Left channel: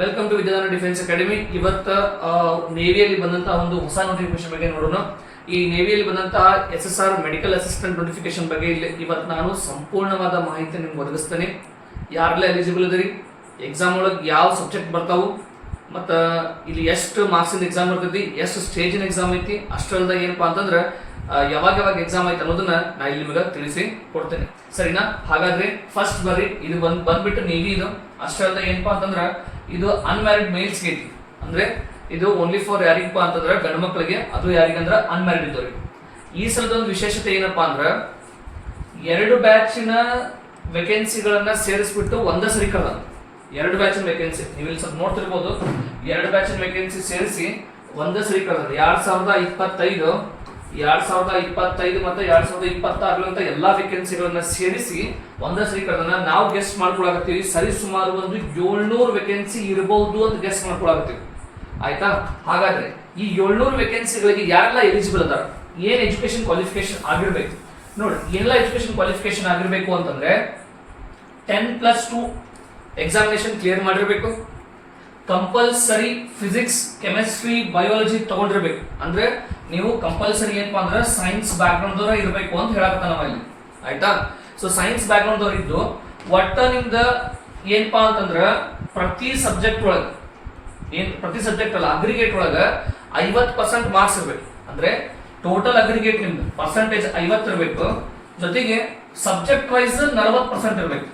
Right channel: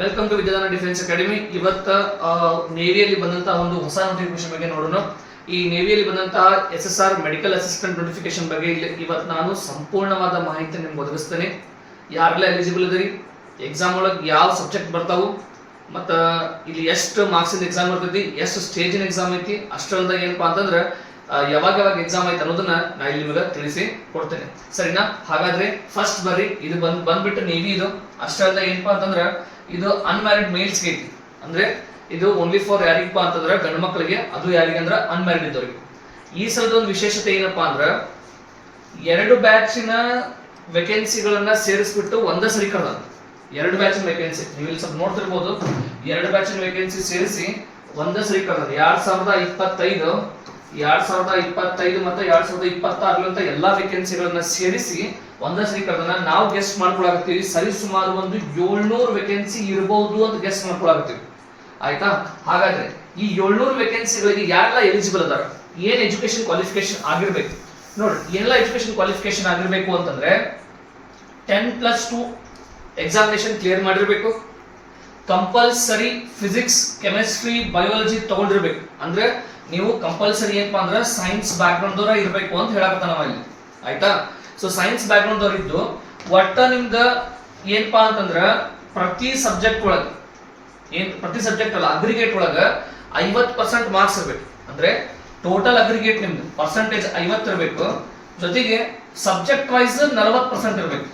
Welcome to ವಿದ್ಯಾದಾನ defence academy. ಇವತ್ತು ನೇವಿಯಲ್ಲಿ ಬಂದಂತಹ ಒಂದು ಹೊಸ ನೋಟಿಫಿಕೇಶನ್ ಬಗ್ಗೆ ನೋಡೋಣ. ಈ ನೇವಿಯಲ್ಲಿ ಬಂದಂತಹ SSR ಮೆಡಿಕಲ್ ಅಸಿಸ್ಟೆಂಟ್ ನೋಟಿಫಿಕೇಶನ್ ಬಗ್ಗೆ ಇವತ್ತು ನಾನು ಸಂಪೂರ್ಣವಾದ ಮಾಹಿತಿ ನಿಮ್ಗೆ ಒದಗಿಸ್ತೇನೆ. ಯಾರೆಲ್ಲ ಎಲಿಜಿಬಲ್ ಇದರಿ, ಎಕ್ಸಾಮ್ ಒಳಗೆ ಯಾವ ಸಬ್ಜೆಕ್ಟ್ ಬರ್ತಾವು, ಮತ್ತು ಇಲ್ಲಿ ಎಷ್ಟು ಮಾರ್ಕ್ಸಿಂದ ಎಕ್ಸಾಮ್ ಇರ್ತೈತಿ, ಎಷ್ಟು ಸ್ಟೇಜಿನ ಎಕ್ಸಾಮ್ ಐತಿ, ಅಷ್ಟರಿಂದ ಏನಪ್ಪಾ ಅಂತಂದ್ರೆ ಯಾವಾಗ ಎಕ್ಸಾಮ್ ಐತೆ ಅನ್ನೋದನ್ನ ನಾ ಇಲ್ಲಿ ನಿಮಗೆ ತಿಳಿಸಿ ಕೊಡ್ತೇನೆ, ಸರಿನಾ? ಹಾಗಾದ್ರೆ ಫಸ್ಟ್ ಬರ್ರಿ, ಇದು ಬಂದ್ಬಿಟ್ಟು ನೇವಿ. ಇದು ಅಷ್ಟರಿಂದ ಏನಪ್ಪಾ ಅಂತಂದ್ರೆ ಇದು ಅನ್ಮ್ಯಾರಿಡ್ ಮೇಲ್ಸ್ಗೆ ಐತಿ. ಅಂದ್ರೆ ಇದು ಓನ್ಲಿ ಫಾರ್ ಯಾರಿಗಪ್ಪ ಅಂತಂದ್ರೆ ಗಂಡು ಮಕ್ಕಳಿಗೆ, ಅದು ಯಾರಿಗಂದ್ರೆ ಅನ್ಮ್ಯಾರಿಡ್ ಇದ್ದವ್ರಿಗೆ. ಈ ಸಲದ ಒಂದು ವಿಶೇಷತೆ ಏನಪ್ಪಾ ಅಂದ್ರೆ 2 ಬ್ಯಾಚಿನ ವೇಕೆನ್ಸಿಗಳನ್ನ ಸೇರಿಸ್ಬಿಟ್ಟು ಒಂದೇ ಸರಿ ಕಳೆದ 2 ಬ್ಯಾಚಿನ ವೇಕೆನ್ಸಿ ನೀವು ಇಲ್ಲಿ ಸ್ವಲ್ಪ ನೋಡ್ತಿರ್ಬೋದು. 2 ಬ್ಯಾಚಿನ ವೇಕೆನ್ಸಿ ಸೇರಿಸಿ ಒಂದೇ ಸರಿ ಕಳೆದ 2025 ಮತ್ತೆ 2026 ಅಂತ ಎಲ್ಲಾ ವೇಕೆನ್ಸಿಗಳನ್ನ ಸೇರಿಸಿ ಒಂದೇ ಸರಿ ಕಳೆದ. ನಾವು ಗೆಸ್ಟ್ ಮಾಡ್ಕೊಳಕತ್ತೀವಿ ಸರಿ ಸುಮಾರು ಒಂದು 700 ವೇಕೆನ್ಸಿ ಇರಬಹುದು ಅಂತ ಗೆಸ್ಟ್ ಮಾಡ್ಕೊಳಕತ್ತೀವಿ, ಆಯ್ತಾ? ಹಾಗಾದ್ರೆ ಈ 700 ವೇಕೆನ್ಸಿಗಳಿಗೆ ಯಾರೆಲ್ಲ ಎಲಿಜಿಬಲ್ ಅದಾರ, ಏನ್ ಎಜುಕೇಶನ್ ಕ್ವಾಲಿಫಿಕೇಶನ್ ಆಗಿರ್ಬೇಕು ನೋಡ್ರಿ. ಏನೆಲ್ಲ ಎಜುಕೇಶನ್ ಕ್ವಾಲಿಫಿಕೇಶನ್ ಆಗಿರ್ಬೇಕು ಅಂತಂದ್ರೆ 10+2 ಎಕ್ಸಾಮಿನೇಷನ್ ಕ್ಲಿಯರ್ ಮಾಡಿರ್ಬೇಕು, ಕಂಪಲ್ಸರಿ ಫಿಸಿಕ್ಸ್ ಕೆಮಿಸ್ಟ್ರಿ ಬಯಾಲಜಿ ತಗೊಂಡಿರ್ಬೇಕು. ಅಂದ್ರೆ ನೀವು ಕಂಪಲ್ಸರಿ ಏನಪ್ಪಾ ಅಂದ್ರೆ ಸೈನ್ಸ್ ಬ್ಯಾಕ್ ಗ್ರೌಂಡ್ ದವರ ಇರಬೇಕು ಅಂತ ಹೇಳಕತ್ತ ನಾವು ಇಲ್ಲಿ, ಆಯ್ತಾ? ಸೊ ಸೈನ್ಸ್ ಬ್ಯಾಕ್ ಗ್ರೌಂಡ್ ದವ್ರ ಇದ್ದು ಒಟ್ಟ ನಿಮ್ದ ಏನಪ್ಪಾ ಅಂತಂದ್ರ ಪ್ರತಿ ಸಬ್ಜೆಕ್ಟ್ ಅಲ್ಲ ಅಗ್ರಿಗೇಟ್ ಒಳಗ 50% ಮಾರ್ಕ್ಸ್ ಇರ್ಬೇಕು. ಅಂದ್ರೆ ಟೋಟಲ್ ಅಗ್ರಿಗೇಟ್ ನಿಮ್ದು ಪರ್ಸೆಂಟೇಜ್ 50 ಇರಬೇಕು, ಜೊತೆಗೆ ಸಬ್ಜೆಕ್ಟ್ ವೈಸ್ 40% ಇರಬೇಕು.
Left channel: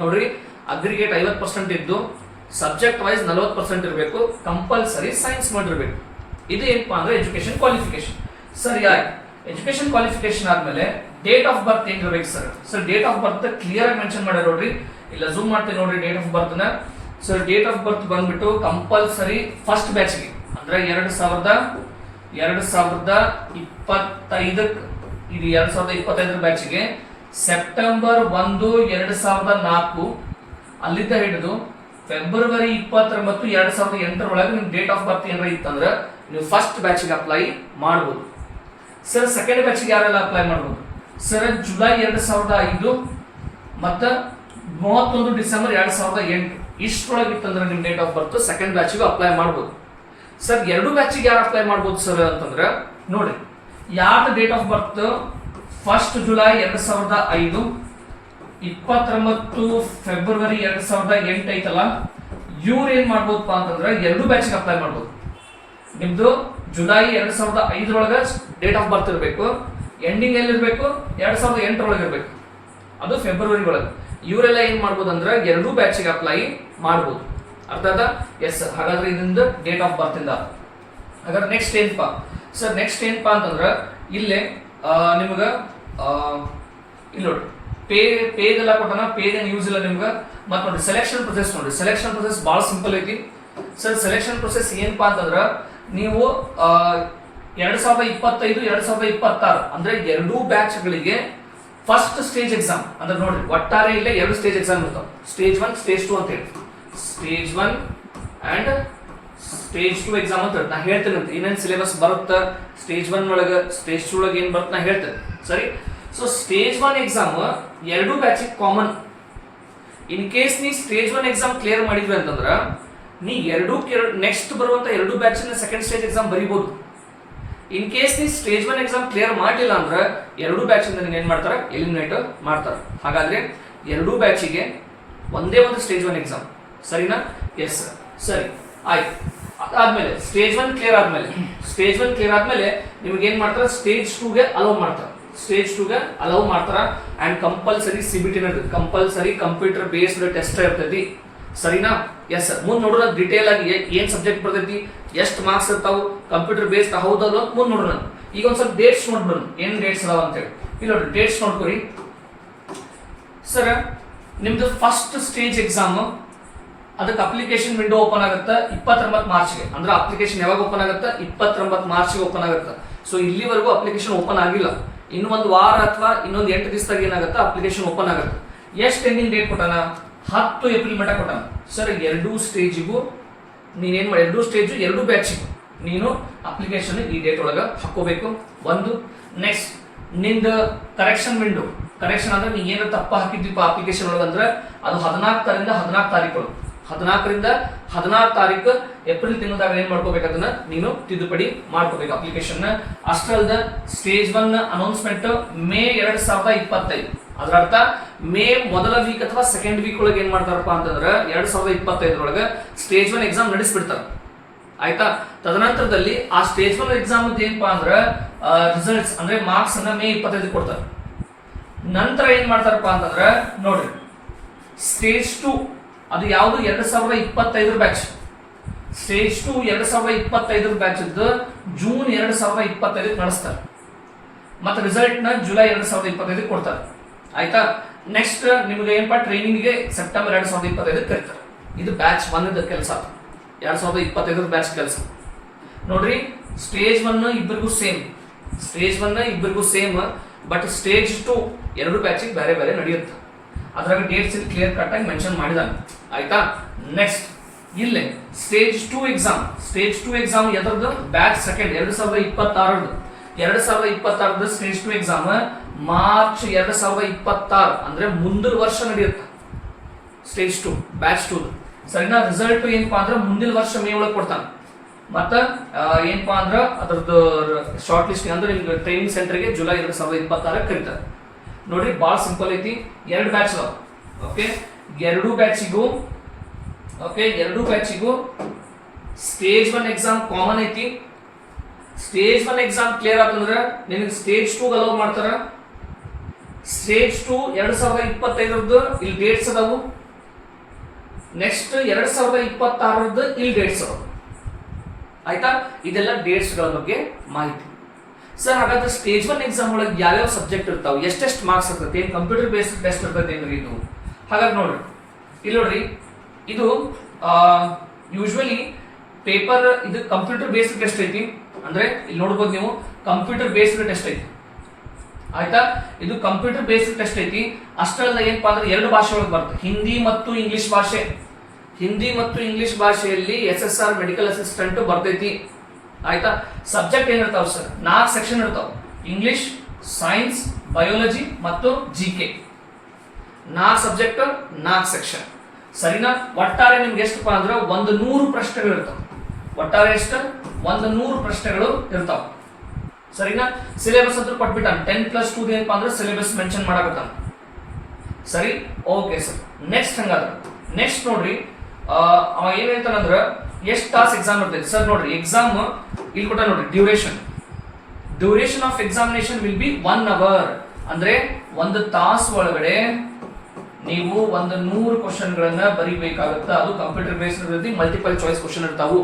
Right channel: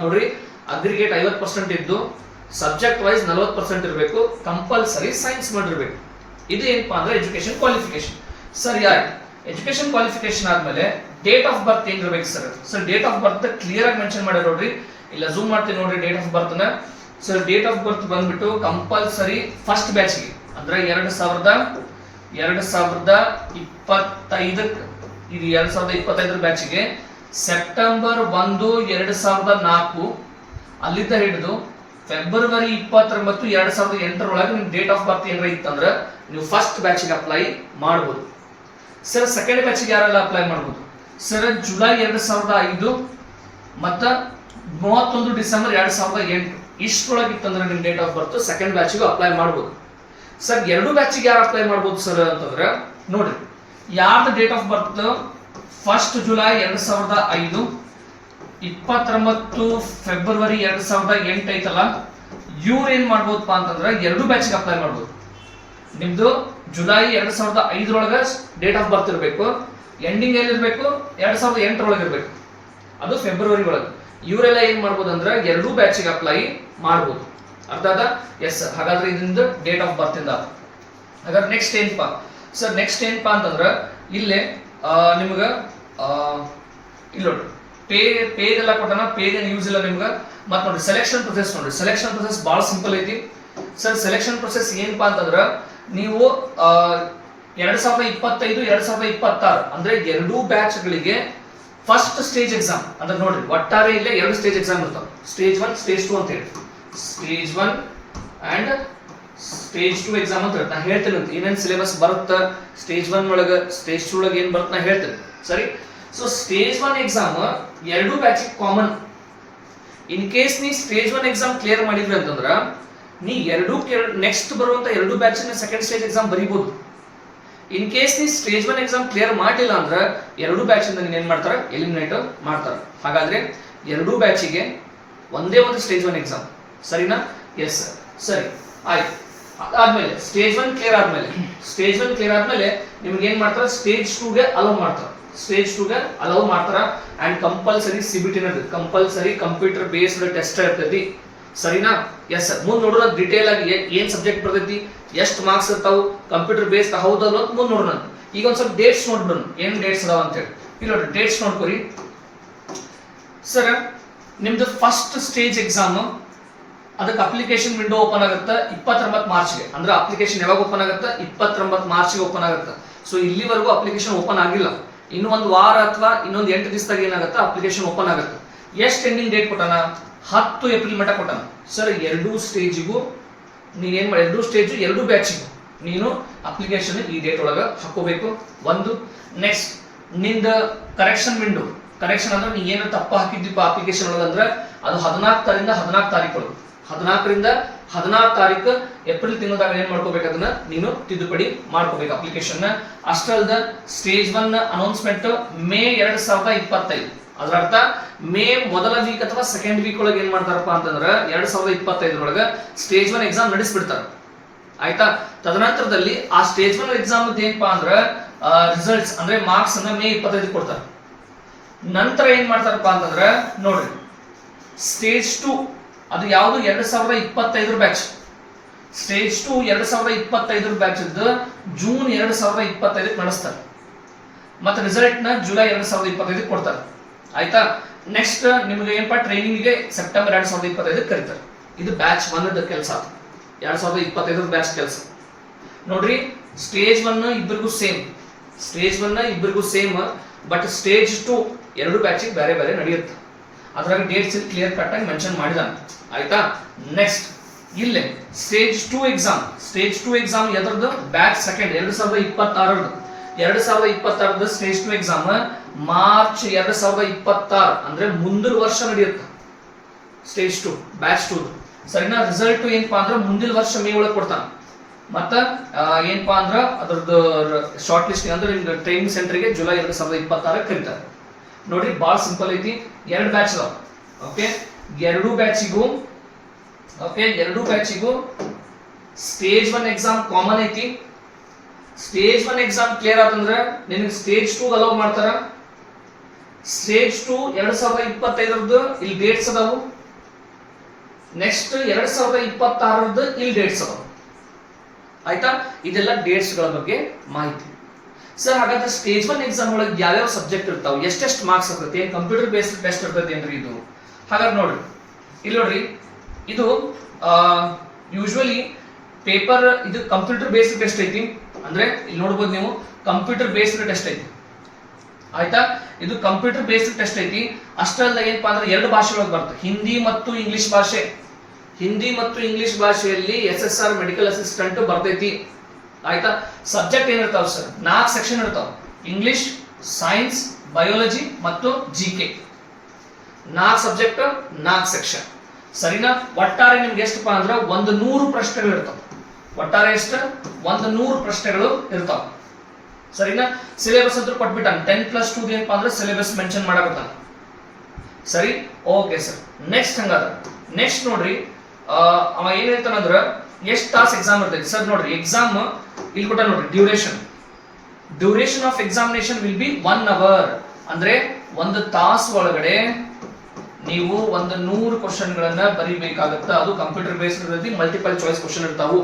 ನೋಡ್ರಿ, ಅಗ್ರಿಗೇಟ್ 50% ಇದ್ದು ಸಬ್ಜೆಕ್ಟ್ ವೈಸ್ 40% ಇರಬೇಕು, ಕಂಪಲ್ಸರಿ ಸೈನ್ಸ್ ಮಾಡಿರ್ಬೇಕು. ಇದು ಏನಪ್ಪಾ ಅಂದ್ರೆ ಎಜುಕೇಶನ್ ಕ್ವಾಲಿಫಿಕೇಶನ್. ಸರಿ, ಆಯ್ತು. ಎಜುಕೇಶನ್ ಕ್ವಾಲಿಫಿಕೇಶನ್ ಆದ್ಮೇಲೆ ಡೇಟ್ ಆಫ್ ಬರ್ತ್ ಏನ್ ಇರಬೇಕು sir? Date of birth clear ಆಗಿ ಮೆನ್ಷನ್ ಮಾಡಿ ನೋಡ್ರಿ, ಇಲ್ಲ ಝೂಮ್ ಮಾಡ್ತೀನಿ ನೋಡ್ರಿ ಡೇಟ್ ಆಫ್ ಬರ್ತ್ ನ. ಸರ್ ಡೇಟ್ ಆಫ್ ಬರ್ತ್ ಬಂದ್ಬಿಟ್ಟು ಕಂಪಲ್ಸರಿ ಫಸ್ಟ್ ಬ್ಯಾಚ್ಗೆ ಅಂದ್ರೆ 2025 ಇದು 2025 ಬ್ಯಾಚ್ಗೆ ಸೆಪ್ಟೆಂಬರ್ 1, 2004 ಅಲ್ಲಿಂದ ಹಿಡಿದು ಫೆಬ್ರವರಿ 29, 2008 ಒಳಗೆ ನಿಮ್ ಡೇಟ್ ಆಫ್ ಬರ್ತ್ ಏನಾರ ಇತ್ತಂದ್ರೆ ನೀವು ಫಸ್ಟ್ ಬ್ಯಾಚ್ಗೆ ಅಪ್ಲೈ ಮಾಡಬಹುದು. ಸರ್ ಸೆಕೆಂಡ್ ಬ್ಯಾಚ್ಗೆ ಯಾರೆಲ್ಲ ಅಪ್ಲೈ ಮಾಡಬಹುದು? ಸರ್ ಜುಲೈ 2005 ಮತ್ತ 31 ಡಿಸೆಂಬರ್ 2008 ಇಷ್ಟರೊಳಗೆ ಇತ್ತಂದ್ರೆ ನಿಮ್ ಡೇಟ್ ಆಫ್ ಬರ್ತ್ ಸೆಕೆಂಡ್ ಬ್ಯಾಚ್ಗೆ ಅಪ್ಲೈ ಮಾಡಬಹುದು. ಸರ್ 2 ಬ್ಯಾಚ್ಗೆ ಯಾರು ಅಪ್ಲೈ ಮಾಡಬಹುದು ಸರ್ ಅಂತಂದ್ರೆ ನೋಡ್ರಿ, ಯಾರ್ದು date of birth 1 July 2005 29 February 2008 ಐತಲ್ಲ, ಇವ್ರು ಏನ್ ಮಾಡ್ಬೋದಪ್ಪ ಅಂತಂದ್ರೆ 2 ಬ್ಯಾಚ್ಗೆ ಅಪ್ಲೈ ಮಾಡ್ಬೋದು. ನಿಮ್ದು ಜುಲೈ 2005 ಒಳಗ ಡೇಟ್ ಆಫ್ ಬರ್ತ್ ಇರಬೇಕು, ಎಂಡಿಂಗ್ ಎಲ್ಲಿರ್ಬೇಕು 2008 ಒಳಗೆ ಇರ್ಬೇಕು, ಅದು ಫೆಬ್ರವರಿ ಒಳಗೆ. ಇವರೆಲ್ಲ ಏನ್ ಮಾಡ್ಬೋದು ಅಂದ್ರೆ 2 ಬ್ಯಾಚ್ಗೆ ಅಪ್ಲೈ ಮಾಡ್ಬೋದು. ಅರ್ಥ ಆದ? ಎಸ್. ಹಾಗಾದ್ರೆ ಇದರಿಂದ ಡೇಟ್ ಆಫ್ ಬರ್ತ್ ಇಂದ ಹಾಗಾದ್ರೆ ನೆಕ್ಸ್ಟ್ ಏನಪ್ಪಾ ಸರ್? ನೆಕ್ಸ್ಟ್ ಏನಪ್ಪಾ ಅಂತಂದ್ರೆ ಇಲ್ಲೇ ನಿಮ್ಗ ಇಲ್ಲಿ ನೋಡ್ರಿ ಪೇಗೆಲ್ಲ ಕೊಟ್ಟನ, ಪೇಗೆ ಯೂಸ್ ಇಲ್ಲ ನಿಮ್ಗೆ. ಮತ್ತೆ ನೋಡ್ರಿ ಸೆಲೆಕ್ಷನ್ ಪ್ರೊಸೆಸ್ ನೋಡ್ರಿ, ಸೆಲೆಕ್ಷನ್ ಪ್ರೊಸೆಸ್ ಬಹಳ ಸಿಂಪಲ್ ಐತಿ ಸರ್. ಸೆಲೆಕ್ಷನ್ ಪ್ರೊಸೆಸ್ ಏನಪ್ಪಾ ಅಂತಂದ್ರ ನೀವು 2025 2026 ಅಂದ್ರೆ 2 ಬ್ಯಾಚ್ಗಳಿಗೆ ಫಸ್ಟ್ ಸ್ಟೇಜ್ ಎಕ್ಸಾಮ್ ಅಂದ್ರೆ ನೋಡ್ರಿ ಒಟ್ಟಾರೆ ಇಲ್ಲೇ 2 ಸ್ಟೇಜ್ ಎಕ್ಸಾಮ್ ಇರ್ತಾವ, ಸ್ಟೇಜ್ 1 ಸ್ಟೇಜ್ 2 ಅಂತ ಹೇಳಿ. ಸ್ಟೇಜ್ 1 ಅಂಡ್ ಸ್ಟೇಜ್ 2 ಎಕ್ಸಾಮ್ ಅಂತ ನಾ ಹೇಳ್ತೇನೆ. ಏನೇನ್ ಸಿಲೆಬಸ್ ಬರುತ್ತ ಸ್ಟೇಜ್ 1 ಒಳಗ ಸ್ಟೇಜ್ 2 ಒಳಗೆ ಏನ್ ಬರುತ್ತೆ ನಾ ಹೇಳ್ತೇನೆ, ಸರಿ? So stage 1 exam 2 batch common. In case ನೀ ಸ್ಟೇಜ್ 1 ಎಕ್ಸಾಮ್ ಕ್ಲಿಯರ್ ಮಾಡಿದ್ವಿ ಅಂತಂದ್ರ ನೀ ನೆಕ್ಸ್ಟ್ ಬರುವಂತ 2 ಬ್ಯಾಚ್ ಸೆಕೆಂಡ್ ಸ್ಟೇಜ್ ಎಕ್ಸಾಮ್ ಬರೀಬಹುದು. ಇನ್ ಕೇಸ್ ನೀ ಸ್ಟೇಜ್ 1 ಎಕ್ಸಾಮ್ ಕ್ಲಿಯರ್ ಮಾಡಿಲ್ಲ ಅಂದ್ರ 2 ಬ್ಯಾಚ್ ಇಂದ ನೀನ್ ಏನ್ ಮಾಡ್ತಾರ, ಎಲಿಮಿನೇಟ್ ಮಾಡ್ತಾರ. ಹಾಗಾದ್ರೆ 2 ಬ್ಯಾಚಿಗೆ ಒಂದೇ ಒಂದು ಸ್ಟೇಜ್ 1 ಎಕ್ಸಾಮ್, ಸರಿನಾ? ಎಸ್ ಸರ್, ಸರಿ ಆಯ್ತು. ಅದಾದ್ಮೇಲೆ ಸ್ಟೇಜ್ 1 ಕ್ಲಿಯರ್ ಆದ್ಮೇಲೆ ನಿಮ್ಗೆ ಏನ್ ಮಾಡ್ತಾರ, ಸ್ಟೇಜ್ 2ಗೆ ಅಲೋ ಮಾಡ್ತಾರ. ಸ್ಟೇಜ್ 2ಗೆ ಅಲೌ ಮಾಡ್ತಾರ and compulsory CBT compulsory computer based test ಇರ್ತೈತಿ, ಸರಿನಾ? Yes sir. ಮುಂದೆ ನೋಡೋಣ ಡಿಟೇಲ್ ಆಗಿ ಏನ್ ಸಬ್ಜೆಕ್ಟ್ ಬರ್ತೈತಿ, ಎಷ್ಟು ಮಾರ್ಕ್ಸ್ ಇರ್ತಾವು, ಕಂಪ್ಯೂಟರ್ ಬೇಸ್ಡ್ ಹೌದಲ್ಲ ಅಂತ ಮುಂದೆ ನೋಡೋಣ. ಈಗ ಒಂದ್ ಸ್ವಲ್ಪ ಡೇಟ್ಸ್ ನೋಡ್ಬಿಡೋಣ, ಏನ್ ಡೇಟ್ಸ್ ಅದಾವ ಅಂತ ಹೇಳಿ. ಇಲ್ಲಿ ನೋಡ್ರಿ ಡೇಟ್ಸ್ ನೋಡ್ಕೊರಿ ಸರ್. ನಿಮ್ದು ಫಸ್ಟ್ ಸ್ಟೇಜ್ ಎಕ್ಸಾಮ್ ಅದಕ್ಕೆ ಅಪ್ಲಿಕೇಶನ್ ವಿಂಡೋ ಓಪನ್ ಆಗುತ್ತೆ 29 ಮಾರ್ಚ್ಗೆ. ಅಂದ್ರೆ ಅಪ್ಲಿಕೇಶನ್ ಯಾವಾಗ ಓಪನ್ ಆಗುತ್ತೆ? 29 ಮಾರ್ಚ್ಗೆ ಓಪನ್ ಆಗುತ್ತೆ. ಸೊ ಇಲ್ಲಿವರೆಗೂ ಅಪ್ಲಿಕೇಶನ್ ಓಪನ್ ಆಗಿಲ್ಲ. ಇನ್ನು ಒಂದು ವಾರ ಅಥವಾ ಇನ್ನೊಂದು 8 ದಿವಸದಾಗ ಏನಾಗುತ್ತೆ ಅಪ್ಲಿಕೇಶನ್ ಓಪನ್ ಆಗುತ್ತೆ. ಎಷ್ಟು ಎಂಡಿಂಗ್ ಡೇಟ್ ಕೊಟ್ಟಾನ? 10 ಏಪ್ರಿಲ್ ಮಟ್ಟ ಕೊಟ್ಟಾನ ಸರ್. 2 ಸ್ಟೇಜಿಗೂ ನೀನೇನ್ ಮಾಡಿ, 2 ಸ್ಟೇಜ್ 2 ಬ್ಯಾಚಿಗೂ ನೀನು ಅಪ್ಲಿಕೇಶನ್ ಈ ಡೇಟ್ ಒಳಗ ಹಾಕೋಬೇಕು. ಒಂದು ನೆಕ್ಸ್ಟ್ ನಿಂದ ಕರೆಕ್ಷನ್ ವಿಂಡೋ, ಕರೆಕ್ಷನ್ ಅಂದ್ರೆ ನೀ ಏನು ತಪ್ಪ ಹಾಕಿದ್ವಿ ಅಪ್ಲಿಕೇಶನ್ ಒಳಗೆ ಅಂದ್ರೆ ಅದು 14 ರಿಂದ 14 ತಾರೀಕು 14 ರಿಂದ 16 ತಾರೀಕು ಏಪ್ರಿಲ್ ತಿಂಗಳದಾಗ ಏನ್ ಮಾಡ್ಕೋಬೇಕು ಅದನ್ನ ನೀನು ತಿದ್ದುಪಡಿ ಮಾಡ್ಕೋಬೇಕು ಅಪ್ಲಿಕೇಶನ್. ಅಷ್ಟೇ ಅಲ್ಲದ ಸ್ಟೇಜ್ 1 ಅನೌನ್ಸ್ಮೆಂಟ್ ಮೇ 2025. ಅದರ ಅರ್ಥ ಮೇ ಮೊದಲ ವೀಕ್ ಅಥವಾ ಸೆಕೆಂಡ್ ವೀಕ್ ಒಳಗೆ ಏನ್ ಮಾಡ್ತಾರಪ್ಪ ಅಂತಂದ್ರೆ 2025 ಒಳಗೆ ಸ್ಟೇಜ್ 1 ಎಕ್ಸಾಮ್ ನಡೆಸ್ಬಿಡ್ತಾರೆ. ಆಯ್ತಾ? ತದನಂತರದಲ್ಲಿ ಆ ಸ್ಟೇಜ್ 1 ಎಕ್ಸಾಮ್ ಏನಪ್ಪಾ ಅಂದ್ರೆ ರಿಸಲ್ಟ್ಸ್ ಅಂದ್ರೆ ಮಾರ್ಕ್ಸ್ ಅನ್ನ ಮೇ 25 ಕೊಡ್ತಾರೆ. ನಂತರ ಏನ್ ಮಾಡ್ತಾರಪ್ಪ ಅಂತಂದ್ರೆ ನೋಡ್ರಿ, ಸ್ಟೇಜ್ 2 ಅದು ಯಾವುದು 2025 ಬ್ಯಾಚ್. ಸ್ಟೇಜ್ 2 2025 ಬ್ಯಾಚ್ ಜೂನ್ 2025 ನಡೆಸ್ತಾರೆ. ಮತ್ತೆ ರಿಸಲ್ಟ್ ನ ಜುಲೈ 2025 ಕೊಡ್ತಾರೆ. ಆಯ್ತಾ? ನೆಕ್ಸ್ಟ್ ನಿಮ್ಗೆ ಏನಪ್ಪಾ ಟ್ರೈನಿಂಗ್ಗೆ ಸೆಪ್ಟೆಂಬರ್ 2025 ಕರೀತಾರೆ. ಇದು ಬ್ಯಾಚ್ 1 ಕೆಲಸ, 2025 ಬ್ಯಾಚ್ ಕೆಲಸ. ನೋಡ್ರಿ, ಸ್ಟೇಜ್ 1 ಇಬ್ಬರಿಗೂ ಸೇಮ್, ಸ್ಟೇಜ್ 1 ಇಬ್ಬರಿಗೂ ಸೇಮ್, ಬಟ್ ಸ್ಟೇಜ್ 2 ಎರಡು ಬ್ಯಾಚಿಗೆ ಬೇರೆ ಬೇರೆ ನಡೆಯುತ್ತೆ. ಅದ್ರಾಗ ಡೇಟ್ಸ್ ಕ್ಲಿಯರ್ ಕಟ್ ಆಗಿ ಮೆನ್ಷನ್ ಮಾಡಿದಾನೆ. ಆಯ್ತಾ? ನೆಕ್ಸ್ಟ್ ಇಲ್ಲೇ ಸ್ಟೇಜ್ 2 ಎಕ್ಸಾಮ್, ಸ್ಟೇಜ್ 2 ಎಕ್ಸಾಮ್ ಎದರದ್ದು batch second 2026 stage 2 exam March 2026 ಅಂದ್ರೆ ಮುಂದಿನ ವರ್ಷ ನಡೆಯುತ್ತೆ. ಸ್ಟೇಜ್ 2 ಬ್ಯಾಚ್ 2 ಸರಿನಾ? ರಿಸಲ್ಟ್ ಏನಪ್ಪಾ ಅಂದ್ರೆ ಮುಂದಿನ ವರ್ಷ ಮೇ ಒಳಗೆ ಕೊಡ್ತಾನೆ. ಮತ್ತ ಏನಪ್ಪಾ ಅಂದ್ರೆ ಅದ್ರದ್ದು ಶಾರ್ಟ್ ಲಿಸ್ಟ್ ಅಂದ್ರೆ ನಿಮ್ಗೆ ಟ್ರೈನಿಂಗ್ ಸೆಂಟರ್ಗೆ ಜುಲೈ 2026 ಕರೀತಾರೆ. ನೋಡ್ರಿ, ಬಾಳ ಸಿಂಪಲ್ ಐತಿ. 2 ಬ್ಯಾಚ್ ಅದಾವ. ಓಕೆ, ಎರಡು ಬ್ಯಾಚಿಗೂ ಸ್ಟೇಜ್ 1 ಎಕ್ಸಾಮ್ ಕಾಮನ್ ಐತಿ. ಸ್ಟೇಜ್ 1 ಎಕ್ಸಾಮ್ ಕ್ಲಿಯರ್ ಆತಂದ್ರೆ ನಿನಗೆ ಸ್ಟೇಜ್ 2 ಅಲೌ ಮಾಡ್ತಾರ. ಸ್ಟೇಜ್ 2 2025 ಇಲ್ಲಿ ಡೇಟ್ಸ್ ಅದಾವು. ನೆಕ್ಸ್ಟ್ 2026 ಇಲ್ಲಿ ಡೇಟ್ಸ್ ಅದಾವು. ಆಯ್ತಾ? ಇದೆಲ್ಲ ಡೇಟ್ಸ್ ಗಳ ಬಗ್ಗೆ ಮಾಹಿತಿ. ಸರ್, ಹಾಗಾದ್ರೆ ಸ್ಟೇಜ್ 1 ಎಕ್ಸಾಮ್ ಒಳಗೆ ಯಾವ್ಯಾವ ಸಬ್ಜೆಕ್ಟ್ ಇರ್ತಾವೆ, ಎಷ್ಟೆಷ್ಟು ಮಾರ್ಕ್ಸ್ ಇರ್ತೈತಿ, ಕಂಪ್ಯೂಟರ್ ಬೇಸ್ಡ್ ಟೆಸ್ಟ್ ಇರ್ತೈತಿ ಏನ್ರಿ ಇದು? ಹಾಗಾದ್ರೆ ನೋಡ್ರಿ, ಇಲ್ಲಿ ನೋಡ್ರಿ, ಇದು ಯೂಶುವಲಿ ಪೇಪರ್ ಇದು ಕಂಪ್ಯೂಟರ್ ಬೇಸ್ಡ್ ಟೆಸ್ಟ್ ಐತಿ. ಅಂದ್ರೆ ಇಲ್ಲಿ ನೋಡ್ಬೋದು ನೀವು, ಕಂಪ್ಯೂಟರ್ ಬೇಸ್ಡ್ ಟೆಸ್ಟ್ ಐತಿ. ಆಯ್ತಾ? ಇದು ಕಂಪ್ಯೂಟರ್ ಬೇಸ್ಡ್ ಟೆಸ್ಟ್ ಐತಿ. ಅಷ್ಟಲ್ಲ ಏನಪ್ಪಾ ಅಂದ್ರೆ 2 ಭಾಷೆ ಒಳಗೆ ಬರುತ್ತೆ, ಹಿಂದಿ ಮತ್ತು ಇಂಗ್ಲಿಷ್ ಭಾಷೆ. ಹಿಂದಿ ಮತ್ತು ಇಂಗ್ಲಿಷ್ ಭಾಷೆಯಲ್ಲಿ SSR ಮೆಡಿಕಲ್ ಅಸಿಸ್ಟೆಂಟ್ ಬರ್ತೈತಿ. ಆಯ್ತಾ? ಸಬ್ಜೆಕ್ಟ್ ಏನಿರ್ತಾವ ಸರ್? 4 ಸೆಕ್ಷನ್ ಇರ್ತಾವ. ಇಂಗ್ಲಿಷ್, ಸೈನ್ಸ್, ಬಯಾಲಜಿ ಮತ್ತು GK. 4 subject, 4 section. ಸರಿನಾ? ಒಟ್ಟಾರೆ ನಿಮ್ಗೆ ಎಷ್ಟಪ್ಪ ಅಂದ್ರೆ 100 ಪ್ರಶ್ನೆಗಳು ಇರ್ತಾವ. ಒಟ್ಟಾರೆ ಎಷ್ಟು? 100 ಪ್ರಶ್ನೆಗಳು ಇರ್ತಾವ. ಸರಿನಾ? ಸಿಲೆಬಸ್ ಅಂತ ಕೊಟ್ಬಿಟ್ಟಾನೆ. 10+2 ಏನಪ್ಪಾ ಅಂದ್ರೆ ಸಿಲೆಬಸ್ ಮೆನ್ಷನ್ ಮಾಡಕತ್ತಾನ. ಸರಿ, ಓಕೆ ಸರ್. ನೆಕ್ಸ್ಟ್ ಹಂಗಾದ್ರೆ ನೆಕ್ಸ್ಟ್ ನೋಡ್ರಿ, ಅವ ಏನ್ ಹೇಳ್ತಾನಂದ್ರ ಎಷ್ಟು ತಾಸು ಎಕ್ಸಾಮ್ ಇರ್ತೈತಿ ಸರ್? ನೋಡ್ರಿ, ಎಕ್ಸಾಮ್ ಇಲ್ಲಿ ಕೊಟ್ಟ ನೋಡ್ರಿ, duration of examination will be 1 hour. ಅಂದ್ರೆ 1 ತಾಸು ಒಳಗಡೆ ನೀವು 100 ಕ್ವಶನ್ ಗಳನ್ನ ಬರೀಬೇಕಾಗತ್ತ. ಅದು ಕಂಪ್ಯೂಟರ್ ಬೇಸ್ಡ್ ಇರ್ತೈತಿ, ಮಲ್ಟಿಪಲ್ ಚಾಯ್ಸ್ ಕ್ವಶನ್ ಇರ್ತಾವು.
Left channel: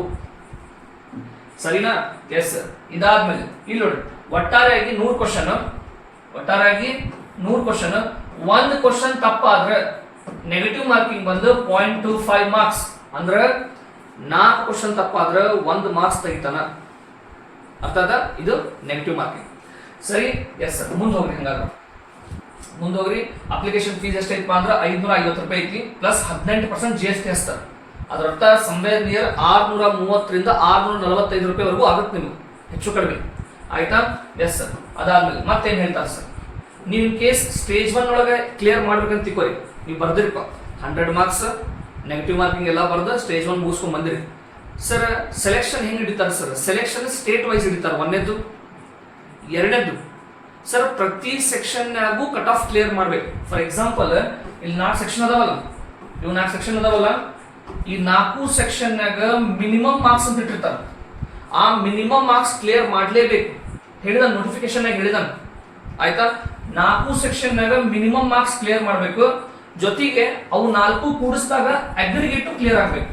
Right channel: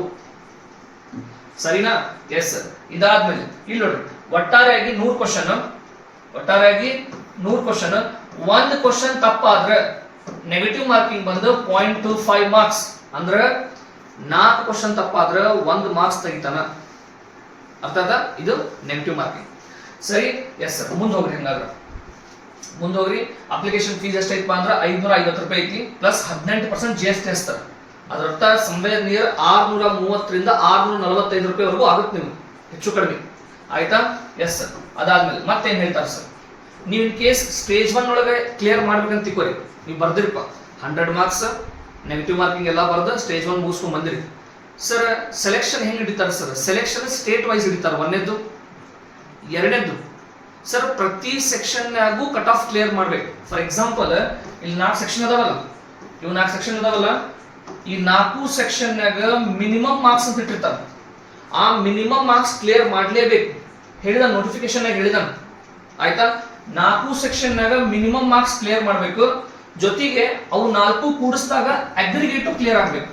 ಸರಿನಾ? Yes sir. ಇದಾದ್ಮೇಲೆ ಇಲ್ಲಿ ನೋಡ್ರಿ, ಒಟ್ಟಾರೆಯಾಗಿ 100 ಕ್ವಶನ್, ಒಂದು ಕ್ವಶನ್ ತಪ್ಪಾದ್ರೆ ನೆಗೆಟಿವ್ ಮಾರ್ಕಿಂಗ್ ಬಂದು 0.25 ಮಾರ್ಕ್ಸ್. ಅಂದ್ರೆ 4 ಕ್ವಶನ್ ತಪ್ಪಾದ್ರೆ 1 ಮಾರ್ಕ್ಸ್ ತೆಗಿತಾನ. ಅರ್ಥ ಆದ? ಇದು ನೆಗೆಟಿವ್ ಮಾರ್ಕಿಂಗ್. ಸರಿ, ಎಸ್ ಸರ್. ಮುಂದೋಗ್ರಿ. ಅಪ್ಲಿಕೇಶನ್ ಫೀಸ್ ಎಷ್ಟೈತಪ್ಪ ಅಂದ್ರೆ 550 ರೂಪಾಯಿ ಐತಿ, ಪ್ಲಸ್ 18% GST ಹಚ್ತಾರೆ. ಅದರ ಅರ್ಥ ಸಂವೇರ್ ನಿಯರ್ 630 645 ರೂಪಾಯಿವರೆಗೂ ಆಗುತ್ತೆ ನಿಮ್ಗೆ, ಹೆಚ್ಚು ಕಡಿಮೆ. ಆಯ್ತಾ? Yes sir. ಅದಾದ್ಮೇಲೆ ಮತ್ತೇನ್ ಹೇಳ್ತಾರೆ ಸರ್? ನೀವು ಇನ್ ಕೇಸ್ ಸ್ಟೇಜ್ 1 ಒಳಗೆ ಕ್ಲಿಯರ್ ಮಾಡ್ಬೇಕಂತ ತಿಳ್ಕೊರಿ. ನೀವು ಬರ್ದಿರಪ್ಪ 100 ಮಾರ್ಕ್ಸ್ ನೆಗೆಟಿವ್ ಮಾರ್ಕಿಂಗ್ ಎಲ್ಲ ಬರ್ದು ಸ್ಟೇಜ್ 1 ಮುಗಿಸ್ಕೊಂಡ್ ಬಂದಿರಿ ಸರ್. ಸೆಲೆಕ್ಷನ್ ಹೆಂಗ್ ಹಿಡಿತಾರೆ ಸರ್? ಸೆಲೆಕ್ಷನ್ ಸ್ಟೇಟ್ ವೈಸ್ ಹಿಡಿತಾರೆ. 1ನೇದ್ದು, 2ನೇದ್ದು ಸರ್, ಪ್ರತಿ ಸೆಕ್ಷನ್ನಾಗೂ ಕಟ್ ಆಫ್ ಕ್ಲಿಯರ್ ಮಾಡ್ಬೇಕು. ಫಾರ್ ಎಕ್ಸಾಂಪಲ್ ಇಲ್ಲಿ 4 ಸೆಕ್ಷನ್ ಅದಾವಲ್ಲ, ಇವು 4 ಸೆಕ್ಷನ್ ಅದಾವಲ್ಲ, ಈ 4 ಸೆಕ್ಷನ್ನಾಗ ಮಿನಿಮಮ್ ಮಾರ್ಕ್ಸ್ ಅಂತ ಇಟ್ಟಿರ್ತಾರೆ. ಆ ಮಿನಿಮಮ್ ಮಾರ್ಕ್ಸ್ ಕ್ಲಿಯರ್ ಮಾಡ್ಲೇಬೇಕು. ಹೇಳಿದ ನೋಟಿಫಿಕೇಶನ್ ಹೇಳಿದಾನ. ಆಯ್ತಾ? 4 ಸೆಕ್ಷನ್ನಾಗ ಮಿನಿಮಮ್ ಮಾರ್ಕ್ಸ್ ಕ್ಲಿಯರ್ ಮಾಡಬೇಕು. ಜೊತೆಗೆ ಅವು 4 ಕೂಡಿಸಿದಾಗ ಅಗ್ರಿಗೇಟು ಕ್ಲಿಯರ್ ಆಗ್ಬೇಕು.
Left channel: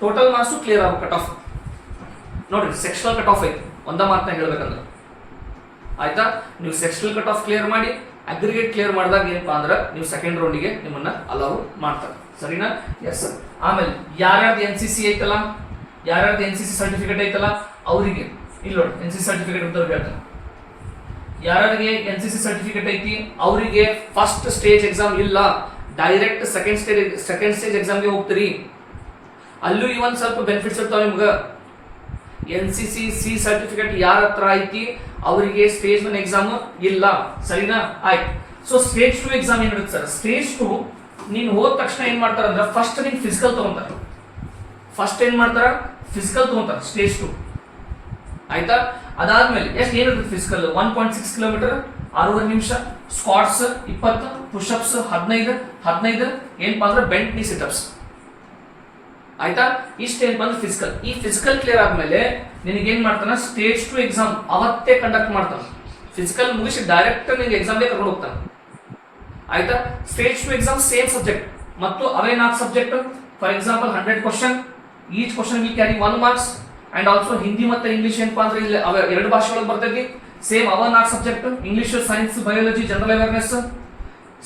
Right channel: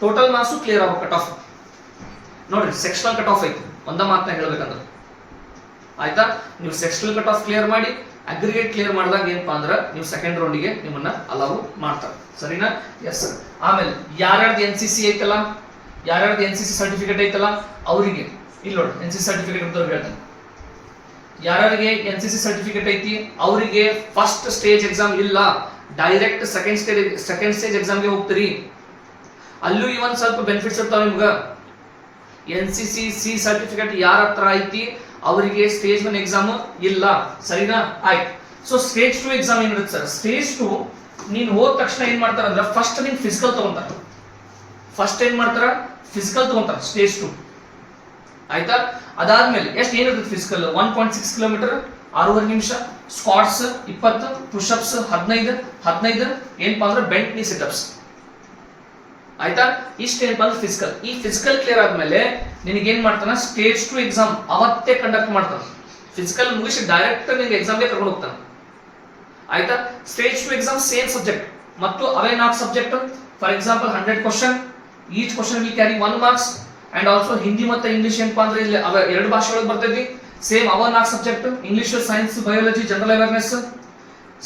ಟೋಟಲ್ ಮಾರ್ಕ್ಸ್ ಕ್ಲಿಯರ್ ಆಗ್ಬೇಕು. ಕಟ್ ಆಫ್ ನೋಡ್ರಿ, ಸೆಕ್ಷನಲ್ ಕಟ್ ಆಫ್ ಐತಿ. ಒಂದ ಮಾತನ್ನ ಹೇಳ್ಬೇಕಂದ್ರೆ, ಆಯ್ತಾ? ನೀವು ಸೆಕ್ಷನಲ್ ಕಟ್ ಆಫ್ ಕ್ಲಿಯರ್ ಮಾಡಿ ಅಗ್ರಿಗೇಟ್ ಕ್ಲಿಯರ್ ಮಾಡಿದಾಗ ಏನಪ್ಪಾ ಅಂದ್ರೆ ನೀವು ಸೆಕೆಂಡ್ ರೌಂಡಿಗೆ ನಿಮ್ಮನ್ನ ಅಲೌ ಮಾಡ್ತಾರೆ. ಸರಿನಾ? Yes sir. ಆಮೇಲೆ ಯಾರ್ಯಾರ್ದು NCC ಐತಲ್ಲ, ಯಾರ್ಯಾರ್ದು NCC ಸರ್ಟಿಫಿಕೇಟ್ ಐತಲ್ಲ ಅವರಿಗೆ ಇಲ್ಲಿ ನೋಡಿ, NCC ಸರ್ಟಿಫಿಕೇಟ್ ಅಂತ ಹೇಳ್ತಾರೆ. ಯಾರಿಗೆ NCC ಸರ್ಟಿಫಿಕೇಟ್ ಐತಿ ಅವರಿಗೆ ಫಸ್ಟ್ ಸ್ಟೇಜ್ ಎಕ್ಸಾಮ್ ಇಲ್ಲ, ಡೈರೆಕ್ಟ್ ಸೆಕೆಂಡ್ ಸ್ಟೇಜ್ ಎಕ್ಸಾಮ್ಗೆ ಹೋಗ್ತೀರಿ. ಅಲ್ಲೂ ಇವನ್ ಸ್ವಲ್ಪ ಬೆನಿಫಿಟ್ಸ್ ಇರ್ತಾವ ನಿಮ್ಗೆ. NCC C ಸರ್ಟಿಫಿಕೇಟ್ ಯಾರ ಹತ್ರ ಐತಿ ಅವರಿಗೆ ಸ್ಟೇಜ್ 1 ಎಕ್ಸಾಮ್ ಇಲ್ಲ. ಸರಿನಾ? ಆಯ್ತು. ಸೊ ಸ್ಟೇಜ್ 2 ಎಕ್ಸಾಮ್ ಏನಿರುತ್ತೆ ಸರ್? ಸ್ಟೇಜ್ 2 ನೀನು ಹೋದ ತಕ್ಷಣ ಏನ್ ಮಾಡ್ತಾರ ಅಂದ್ರೆ ಫಸ್ಟ್ ನೀನ್ ಫಿಸಿಕಲ್ ತಗೊಂತಾರೆ. ಫಸ್ಟ್ ಏನ್ ಮಾಡ್ತಾರ ಫಿಸಿಕಲ್ ತಗೊಂತಾರ ಸ್ಟೇಜ್ 2 ಆಯ್ತಾ. ಅದಾದ್ಮೇಲೆ ಎಷ್ಟು ಏನಿರ್ತದೆ ಫಿಸಿಕಲ್ 1.6 ಕಿಲೋಮೀಟರ್ 6 ನಿಮಿಷ, ಸ್ಕ್ವಾಟ್ಸ್ 20, ಪುಷಪ್ಸ್ 15 ಏನಪ್ಪಾ ಅಂದ್ರೆ ಬೆಂಟ್ ನೀ ಸಿಟಪ್ಸ್ ಆಯ್ತಾ. ಇಷ್ಟೇನಪ್ಪ ಅಂದ್ರೆ ಫಿಸಿಕಲ್. ಈ ಫಿಸಿಕಲ್ ಕ್ಲಿಯರ್ ಆದ್ಮೇಲೆ ನಿನಗೆ ಏನ್ ಮಾಡ್ತಾನ ಸ್ಟೇಜ್ 2 ಎಕ್ಸಾಮ್ ಅವತ್ತೇ ಕಂಡಕ್ಟ್ ಮಾಡ್ತಾನೆ. ಫಿಸಿಕಲ್ ಮುಗಿಸಿ ಡೈರೆಕ್ಟ್ ನಿನ್ಗೆ ಎಕ್ಸಾಮ್ಗೆ ಕರ್ಕೊಂಡು ಹೋಗ್ತಾನೆ ಆಯ್ತಾ. ಸ್ಟೇಜ್ 2 ಎಕ್ಸಾಮ್ ಸೇಮ್ ಸಬ್ಜೆಕ್ಟ್ ಮತ್ತು ಅವೇ 4 subject. For example 100 question, each question will carry 1 marks and also Hindi ಮತ್ತೆ ಇಂಗ್ಲಿಷ್ ಏನಪ್ಪಾ ಅಂದ್ರೆ ಇಲ್ಲಿ ಅವ 2 ಭಾಷೆ ಒಳಗೆ ಬರ್ತೈತಿ. ಸೇಮ್ ಅವ 4 subject, English, science, biology, general awareness,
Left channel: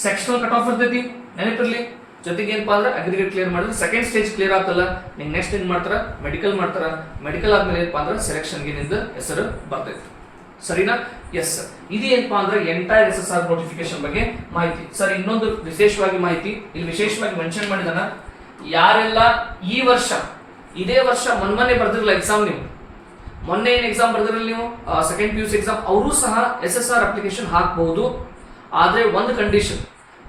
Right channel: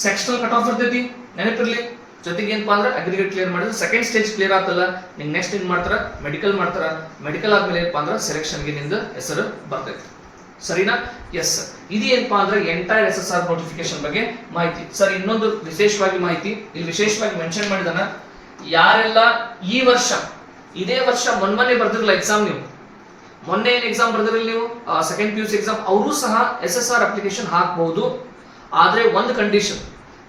sectional cut off ಇರ್ತೈತಿ ನೆನಪಿರ್ಲಿ. ಜೊತೆಗೆ ಏನಪ್ಪಾ ಅಂದ್ರೆ ಅಗ್ರಿಗೇಟ್ ಕ್ಲಿಯರ್ ಮಾಡಿದ್ರೆ ಸೆಕೆಂಡ್ ಸ್ಟೇಜ್ ಕ್ಲಿಯರ್ ಆಗ್ತಲ್ಲ, ನಿಂಗೆ ನೆಕ್ಸ್ಟ್ ಏನ್ ಮಾಡ್ತಾರ ಮೆಡಿಕಲ್ ಮಾಡ್ತಾರ. ಮೆಡಿಕಲ್ ಆದ್ಮೇಲೆ ಏನಪ್ಪಾ ಅಂದ್ರೆ ಸೆಲೆಕ್ಷನ್ಗೆ ನಿಂದ ಹೆಸರು ಬರ್ತೈತಿ. ಸರಿನಾ? Yes sir. ಇದೇನಪ್ಪಾ ಅಂದ್ರೆ ಎಂಟೈರ್ SSR ನೋಟಿಫಿಕೇಶನ್ ಬಗ್ಗೆ ಮಾಹಿತಿ. ಸರ್ ಇನ್ನೊಂದು ವಿಶೇಷವಾಗಿ ಮಾಹಿತಿ ಇಲ್ಲಿ ವಿಶೇಷವಾಗಿ ಮೆನ್ಷನ್ ಮಾಡಿದಾನ, ಯಾರೆಲ್ಲ ಈ ವರ್ಷ ಇದೇ ವರ್ಷ ಮೊನ್ನೆ ಬರ್ದಿರಲ್ಲ ಎಕ್ಸಾಮ್, ನೀವು ಮೊನ್ನೆ ಏನ್ ಎಕ್ಸಾಮ್ ಬರ್ದಿರಲ್ಲ ನೀವು ಸೆಕೆಂಡ್ PUC ಎಕ್ಸಾಮ್, ಅವರು ಸಹ SSR ಅಪ್ಲಿಕೇಶನ್ ಹಾಕಬಹುದು. ಆದ್ರೆ ಒಂದು ಕಂಡೀಷನ್,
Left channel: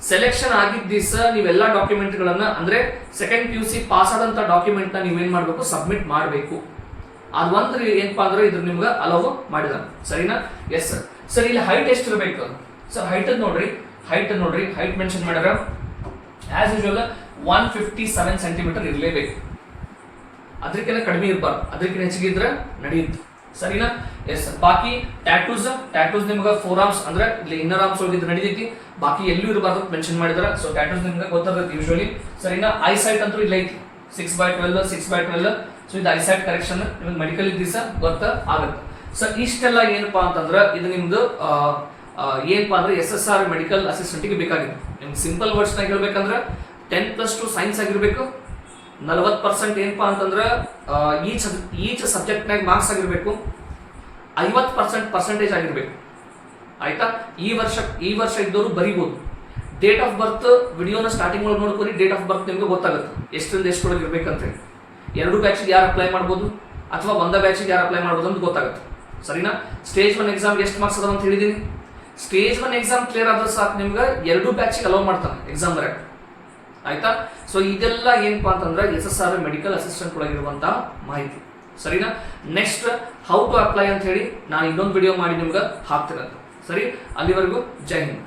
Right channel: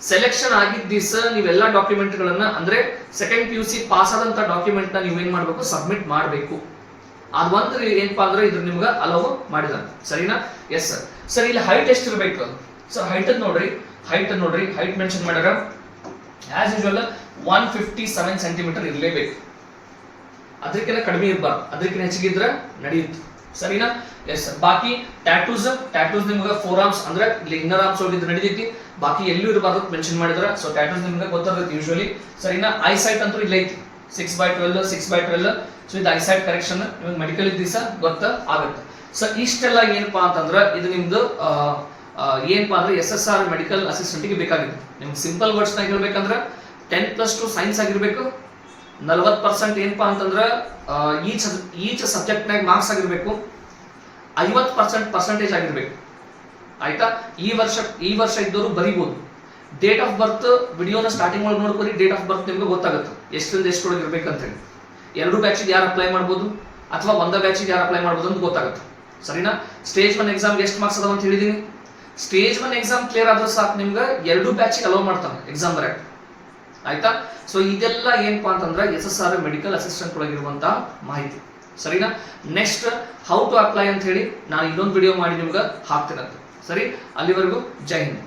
ಸೆಲೆಕ್ಷನ್ ಆಗಿದ್ದ ದಿವಸ ನೀವೆಲ್ಲ ಡಾಕ್ಯುಮೆಂಟ್ಗಳನ್ನ ಅಂದ್ರೆ ಸೆಕೆಂಡ್ PUC ಪಾಸ್ ಆದಂತ ಡಾಕ್ಯುಮೆಂಟ್ ನ ನೀವೇನ್ ಮಾಡ್ಬೇಕು ಸಬ್ಮಿಟ್ ಮಾಡಬೇಕು. ಅದು ಒಂದು ಏನಪ್ಪಾ ಅಂದ್ರೆ ಇದ್ರ ನಿಮ್ಗೆ ಅಲೋ ಮಾಡಿದಾನೆ. ಸರಿನಾ? Yes sir. ಸರ್ ಇಲ್ಲಿ ಹೈಟ್ ಎಷ್ಟು ಇರಬೇಕು ಸರ್? ಹೈಟ್ ನೋಡ್ರಿ, ಹೈಟ್ ಮೆನ್ಷನ್ ಮಾಡ್ಯಾರ ಆಸ್ ಯೂಶುವಲ್ 157 ಸೆಂಟಿಮೀಟರ್ ಇರಲೇಬೇಕು. ಅದಕ್ಕಿಂತ ಕಡಿಮೆ ಇರಬಾರ್ದು, ಅದಕ್ಕಿಂತ ಹೆಚ್ಚಿಗೆ ಇದ್ರೆ ನಡೆಯುತ್ತೆ. ಸರಿನಾ? Yes sir. ಬಾಕಿ ಟ್ಯಾಟೂಸ್ ನಿಮ್ಗೆ 4 ಆರ್ಮ್ಸ್ ಅಂದ್ರೆ ಇಲ್ಲಿ ಇನ್ನರ್ ಆರ್ಮ್ಸ್ ಹೋಗಿದ್ರೆ ನಡೀತೈತಿ, ಬಾಕಿ ಎಲ್ಲೂ ಇರಬಾರ್ದು ಮೆನ್ಷನ್ ಮಾಡಿದಾರೆ. ಸೊ ಟ್ಯಾಟೂಸ್ ನಿಮ್ಗೆ ಗೊತ್ತಿರುತ್ತೆ ಯೂಶುವಲಿ. ಸರಿನಾ? ಐಸೈಟ್ ಅಂತೂ ಇಲ್ಲ ಐತಿ 6/12 6/12. ಸೊ ಇದು ಐಸೈಟ್ ಕರೆಕ್ಷನ್ ನಿಮ್ಗೆ ಮೆಡಿಕಲ್ ದಿವಸ ಗೊತ್ತಾಗುತ್ತೆ. ಸೊ ಇಷ್ಟೆಲ್ಲ ಏನಪ್ಪಾ ಅಂತಂದ್ರೆ ಇದು ನಿಮ್ದು ಏನಪ್ಪಾ ಅಂದ್ರೆ SSR ಮೆಡಿಕಲ್ ಅಸಿಸ್ಟೆಂಟ್ಗೆ ಬೇಕಾಗಿದೆ. ನಿಮ್ಗೆ ಸಿಂಪಲ್ ವರ್ಡ್ಸ್ ನಾಗ ಹೇಳ್ಬೇಕಂದ್ರೆ 10+2 ಸೈನ್ಸ್ ಆಗಿರ್ಬೇಕು, 40% ಏನಪ್ಪಾ ಅಂತಂದ್ರೆ ಈಚ್ ಸಬ್ಜೆಕ್ಟ್ನಾಗ ಮಾರ್ಕ್ಸ್ ಆಗಿರ್ಬೇಕು, 50% ಪರ್ಸೆಂಟೇಜ್ ಆಗಿರ್ಬೇಕು ಆಯ್ತಾ. ಈ ವರ್ಷ ಇದ್ದವರು ಬರೀಬಹುದು. ಡೇಟ್ ಆಫ್ ಬರ್ತ್ ವಿಡಿಯೋನ ಸ್ಟಾರ್ಟಿಂಗ್ ಒಳಗೆ ನೋಡ್ಕೊರಿ, ಡೇಟ್ ಆಫ್ ಬರ್ತ್ ನಿಮ್ಗೆ ಗೊತ್ತಾಗುತ್ತೆ ಎಷ್ಟರಿಂದ ಎಷ್ಟೊಳಗೆ ಇರ್ಬೇಕಂತ ಹೇಳಿ. 2 ಬ್ಯಾಚಿಗೆ ಯಾರು ಅಪ್ಲೈ ಮಾಡ್ಬೋದು ಅಥವಾ ಒಂದೇ ಬ್ಯಾಚಿಗೆ ಯಾರು ಅಪ್ಲೈ ಮಾಡ್ಬೋದು ಅಂತ ಗೊತ್ತಾಗುತ್ತೆ. ಸರಿನಾ? ಸ್ಟೇಜ್ 1 ಎಕ್ಸಾಮ್ಗೆ ಎಷ್ಟು ಮಾರ್ಕ್ಸ್ ಅದಾವ ಅಂತ ಹೇಳಿದೀನಿ. ಸ್ಟೇಜ್ 1 ಎಕ್ಸಾಮ್ ಕ್ಲಿಯರ್ ಆದ್ರೆ ಸಾಕು ನಿಮ್ಗೆ 2 ಬ್ಯಾಚಿಗೆ ಅಲೋ ಮಾಡ್ತಾನೆ ಎಕ್ಸಾಮ್ ಬರಕ್ಕೆ ಆಯ್ತಾ. ಸೊ ಇದೆಲ್ಲ ಏನಪ್ಪಾ ಅಂತಂದ್ರೆ SSR ಮೆಡಿಕಲ್ ಅಸಿಸ್ಟೆಂಟ್ ಒಳಗಿರುವಂತ ಮಾಹಿತಿ. ಸರಿನಾ? ನೆಕ್ಸ್ಟ್ ಹೌ ಟು ಅಪ್ಲೈ ಅಂತ ಹೇಳಿ ನಾನು ಇನ್ನೊಂದು ವಿಡಿಯೋ ಮಾಡಿ ನಿಮ್ಗೆ ಹಾಕ್ತೀನಂತ. ಸರಿ, ಅಲ್ಲಿವರೆಗೂ ಜೈ ಹಿಂದ್.